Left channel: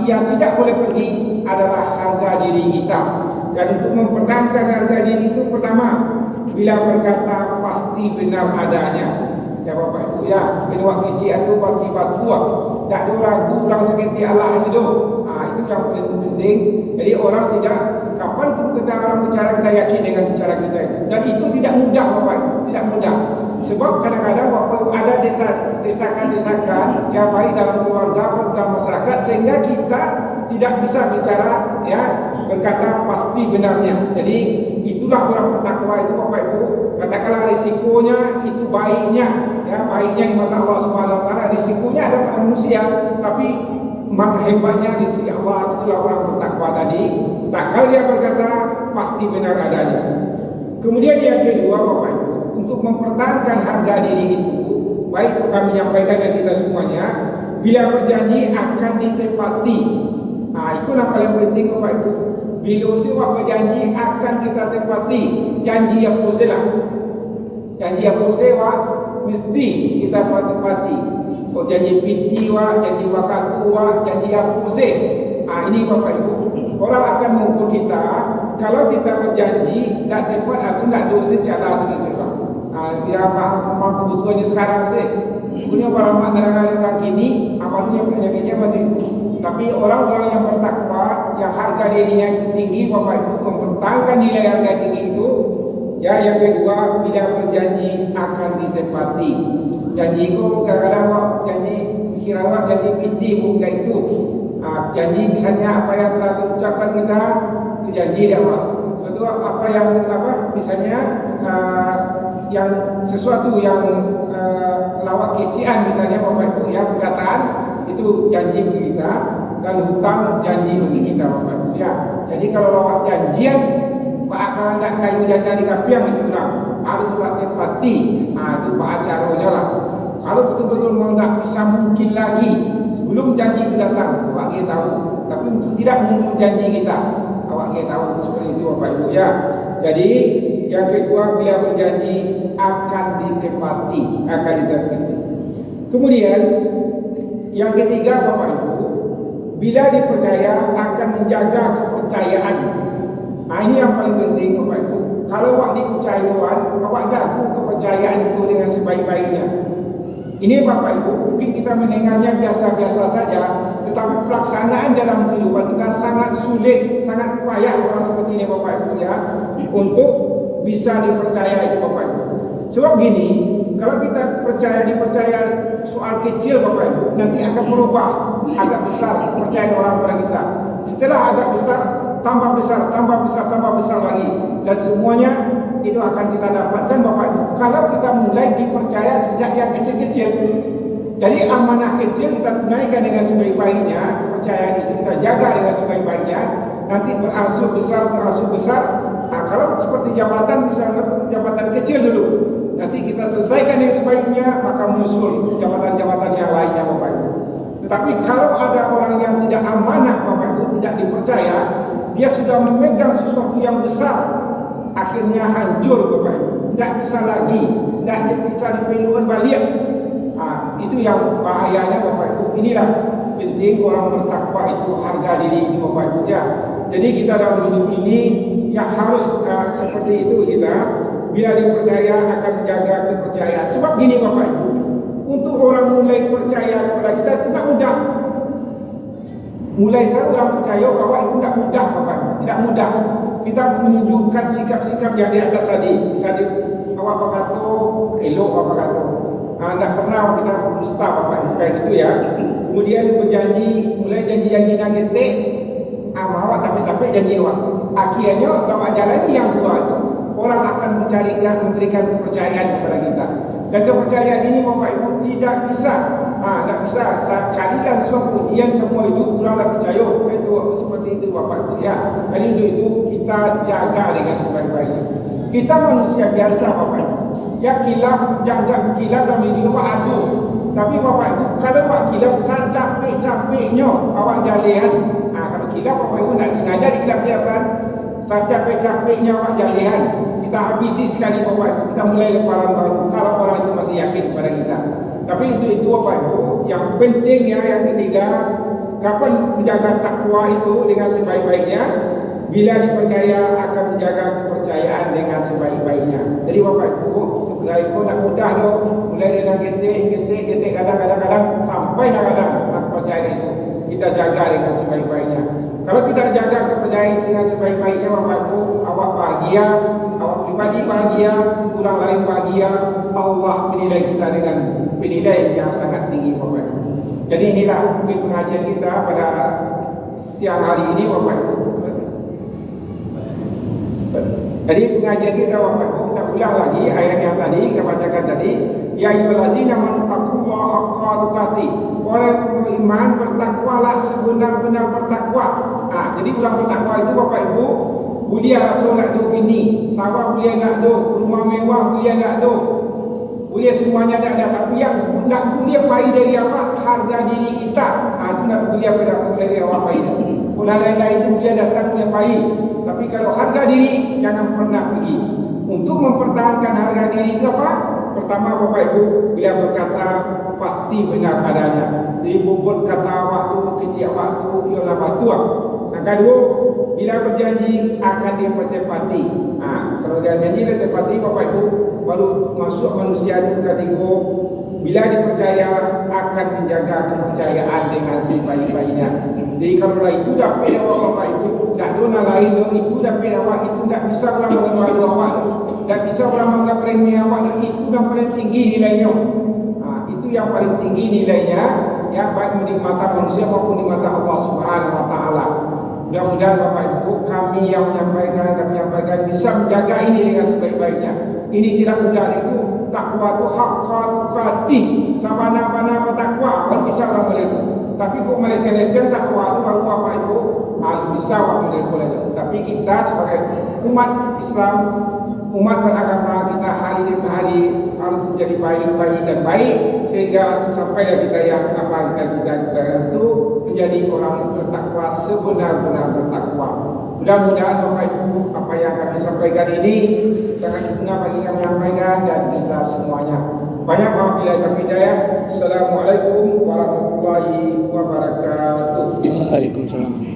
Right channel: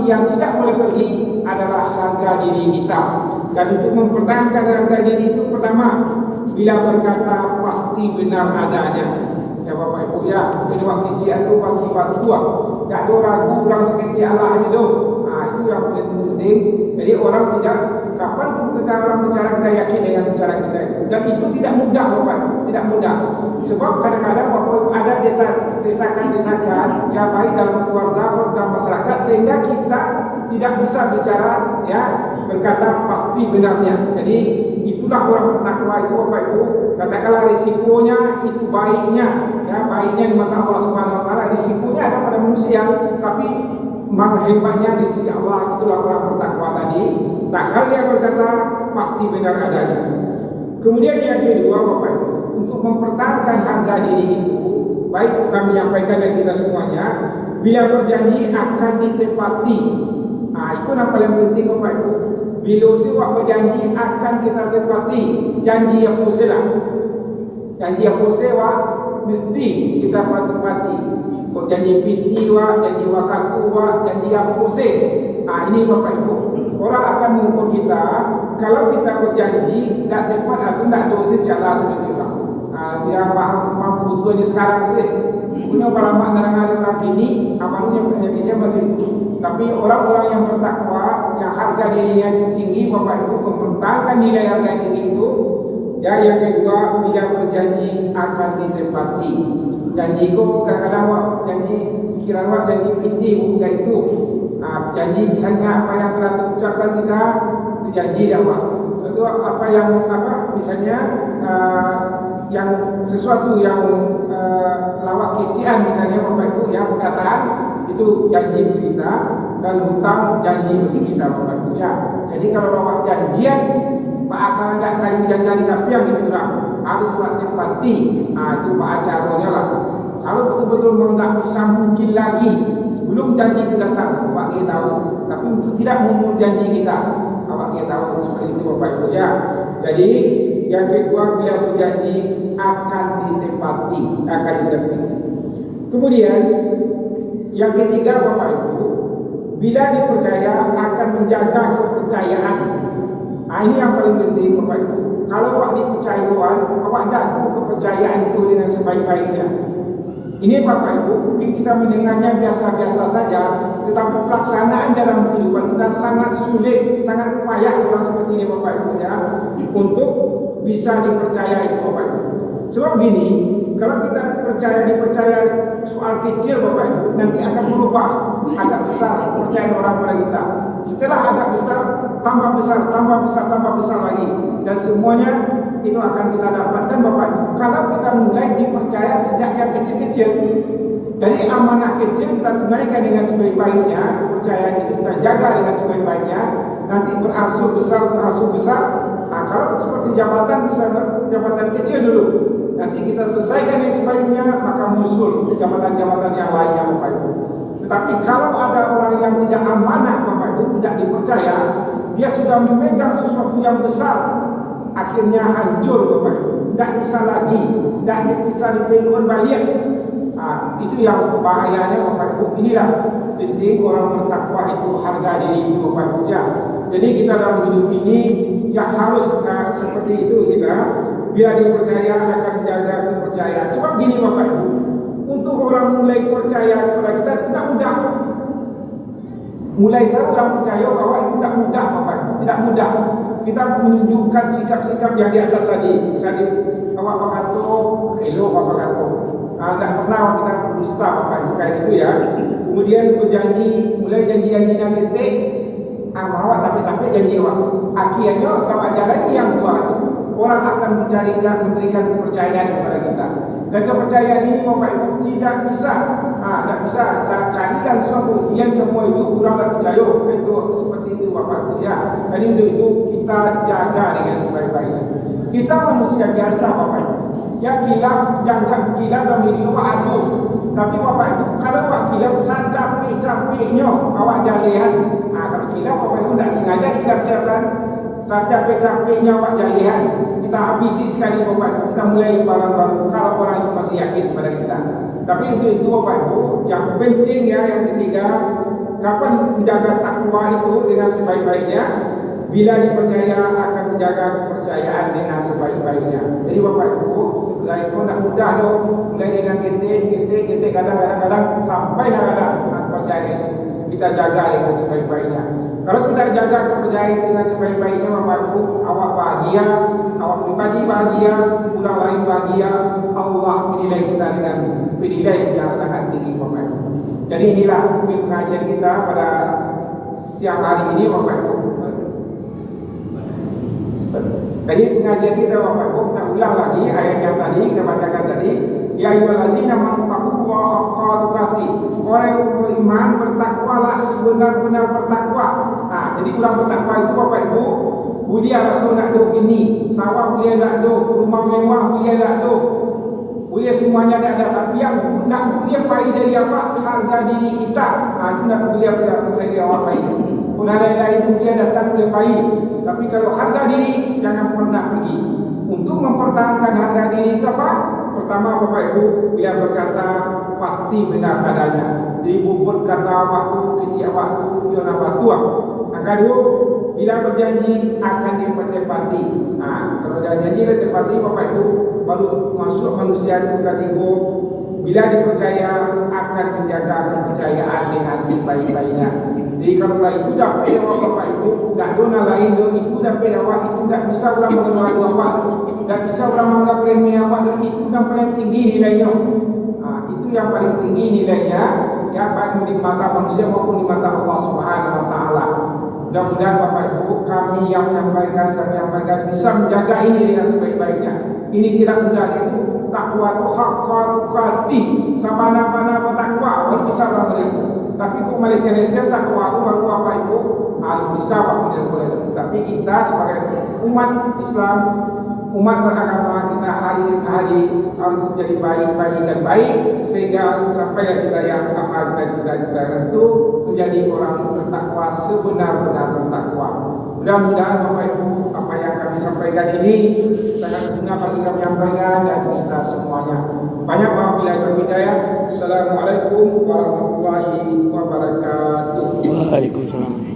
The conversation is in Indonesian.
Tapi yang tidak boleh pergi adalah harga diri kita. Dan untuk mempertahankan harga diri itu, pertama, bila berkata pasti benar adanya. Ya Bapak Ibu ya, ini waktu kecil itu pasti tua. Tak ada ragu orang sakit Allah itu. Itu yang paling penting. Jadi orang tidak, kapan kita orang bicara kita yakin dengan bicara kita itu. Dan itu tidak mudah Bapak Ibu, tidak mudah. Sebab kadang-kadang ada desakan-desakan yang baik dalam keluarga atau dalam masyarakat sehingga kita tidak bisa bicara ya berkata pasti benarnya. Jadi itulah orang bertakwa itu Bapak Ibu. Katakanlah risikonya itu baiknya, ya baiknya di mata Allah Subhanahu Wa Taala. Risikonya ada pada manusia, tapi hebatnya di sisi Allah. Itulah orang bertakwa tadi. Tak kala dia berkata pasti benar adanya. Kemudian yang kedua Bapak Ibu, untuk mempertahankan harga diri itu, baik kami menyampaikan kepada kita semuanya, bila berjanji akan ditepati. Itu yang paling penting Bapak Ibu. Bila sebuah berjanji akan kita tepati, janji yang posela, janji yang posela mesti kita tepati. Kau janji piti janji wakatu janji yang pose. Ini Bapak Ibu, orang akan mengukur kita kalau kita berjanji tak tepat atau tak dosa jalan tu juga. Dia memang kebutuhannya sekarang sih. Punya para makna orang kini, apalagi punya kisah begitu. Tapi orang-orang yang bertakwa, yang harga dirinya tinggi, Bapak Ibu mempertahankan nilai harga tinggi itu. Ya, yang kedua, bila berjanji akan ditepati. Janji itu kadang-kadang janji kira-kira janji piti bukan itu. Janji misalnya apa yang telah diucapkan kita, itu janji dia Pak. Suatu apa yang misalnya yang sesuatu yang lawak kecian misalnya Bapak Ibu ya perkataan itu janji kita, dan hutang janji bagi kita Bapak Ibu ya. Jadi kalau lawak janjian Pak akan ada kayu janji kapi yang itu harus buat tepati. Itu Pak acaranya lah. Kalau betul-betul tidak bisa mungkin lagi sebelum janji datang, Pak kita tahu. Tapi untuk tidak memenuhi janji kita, Pak kita tahu seperti itu Bapak Ibu ya. Jadi yang kedua, bila berjanji akan ditepati, akan ditepati. Kemudian yang ketiga Bapak Ibu, bila dipercaya akan menjaga kepercayaan. Ini yang paling penting Bapak Ibu. Kalau Pak dipercaya Tuhan, Bapak jaga kepercayaan itu dengan sebaik-baiknya. Ini Bapak Ibu, mungkin kita mendengarnya biasa-biasa saja, tetapi pelaksanaan dalam kehidupan kita sangat sulit, sangat payah orang seperti ini Bapak Ibu ya, untuk bisa dipercaya itu Bapak Ibu. Sebab gini, kalau kita dipercaya soal kecil Bapak Ibu, nanti akan berubah agak besar kepercayaan orang pada kita. Setelah agak besar, tambah besar, tambah besar, tambah besar lagi, dan semuanya itu akan kita dapatkan Bapak Ibu kalau kita mulai dipercaya sejak yang kecil-kecil. Jadi amanah kecil kita tunaikan dengan sebaik-baiknya, kepercayaan itu kita jaga dengan sebaik-baiknya, nanti berangsur besar. Kalau seperti jabatan, bisa jabatan kecil dulu, nanti kita selesaikan yang sebaiknya, maka muncul jabatan-jabatan yang lainnya Bapak Ibu. Tetapi kalau ada orang yang tidak amanah Bapak Ibu, tidak dipercaya, dia sudah memegang sesuatu yang besar, akhirnya hancur Bapak Ibu, tidak bisa lagi, tidak bisa dipelukkan balik. Itu yang bahayanya Bapak Ibu. Inilah penting orang bertakwa itu, harga diri itu Bapak Ibu ya. Jadi kita dalam hidup ini yang harus seperti itu kita, bila dipercaya akan menjaga kepercayaan. Sebab gini Bapak Ibu, untuk orang mulai percaya kepada kita tidak mudah. Mulai seorang percaya bahwa itu tidak mudah Bapak Ibu, tidak mudah. Kita menunjukkan sikap-sikap yang di atas tadi. Misalnya apa kata elok apa kata. Tidak pernah kita berdusta Bapak Ibu kayak gitu ya. Kemudian berjanji, mulai janji-janjinya ketik, bahwa tapi janji Allah. Akhirnya kalau ada lagi yang buat, orang akan memberikan kepercayaan kepada kita. Dan kepercayaan ini Bapak Ibu tidak bisa sekali kan suatu ujian semua itu kurang tak percaya. Itu seperti itu Bapak Ibu ya. Dan itu kita jaga dengan sebaik-baiknya. Kita manusia biasa Bapak Ibu. Ya kilap, jaga kilap dan hidup ada. Tapi Bapak Ibu, kalau Pak kilap capek-capeknya awak jalian. Kalau kilap Bapak Ibu tidak sengaja dikilap-kilapkan, capek-capeknya awak jalian, kita habisi sekali Bapak Ibu. Kita mulai lebaran baru kalau orang itu masih yakin kepada kita. Tapi itu Bapak Ibu, yang penting ya, yang ketiga, kapan menjaga takwa itu dengan sebaik-baiknya? Bila dipercaya akan menjaga kepercayaan dengan sebaik-baiknya. Jadi Bapak Ibu, mulai pun nak mudah loh, mulai dengan getik, kadang-kadang sampai kadang percaya itu kita jaga dengan sebaik-baiknya. Kalau kita jaga kepercayaan itu dengan sebaik-baiknya, Bapak Ibu, awak bahagia, awak pribadi bahagia, orang lain bahagia, Allah menilai kita dengan penilaian yang sangat tinggi, Bapak Ibu. Jadi inilah mungkin pengajian kita pada siang hari ini, Bapak Ibu. Jadi pengajian kita, Bapak Ibu, kita ulang lagi ayat yang tadi kita bacakan tadi. Ya ayyuhallazina amanu taqullaha haqqa tuqatih. Orang yang beriman bertakwalah sebenar-benar bertakwa. Jadi orang bertakwa itu, Bapak Ibu, boleh nak do gini, sawah boleh nak do, rumah mewah boleh nak do, boleh semuanya ada, tapi yang nak boleh pai dari apa? Harga diri kita. Itu nak boleh dari awak pai. Orang lain-lain itu boleh datang boleh pai. Tapi kalau harga diri jangan pernah pergi. Untuk mempertahankan harga diri itu apa? Pertama, Bapak Ibu, bila berkata pasti benar adanya. Jadi bobot kata waktu kecil waktu ialah batuang. Yang kedua, bila berjanji akan ditepati. Kalau janji ditepati, Bapak Ibu, baru masuk manusia itu kategori bila dipercaya akan menjaga kepercayaan dengan sebaik-baiknya. Jadi kalau itu dapat Bapak Ibu, tak dona lain itu dapat awak, itu tak bisa orang mengenal awak, tak bisa orang menganggap remeh awak, itu yang paling tinggi nilainya. Itu yang paling tinggi nilainya, yang baik di mata manusia maupun di mata Allah Subhanahu Wa Taala. Mudah-mudahan Bapak Ibu, kami yang menyampaikan bisa menjaga ini dengan sebaik-baiknya. Ini tidak mudah, itu takwa itu haqqa tuqatih, sabana-bana bertakwa baru bisa orang menerima. Tapi kok Malaysia takwa itu baru Bapak Ibu bisa orang menerima. Tapi kita sebagai umat Islam, umat beragama, kita hari demi hari harus menjadi baik dan baik sehingga sampai kita yang kita itu menjadi orang bertakwa sebenar-benar bertakwa. Mudah-mudahan Bapak Ibu, apa yang kami sampaikan ini sangat berguna bagi kami menyampaikan dan kita semuanya. Banyak wabillahi taufiq hidayah. Assalamualaikum warahmatullahi wabarakatuh. Waalaikumsalam.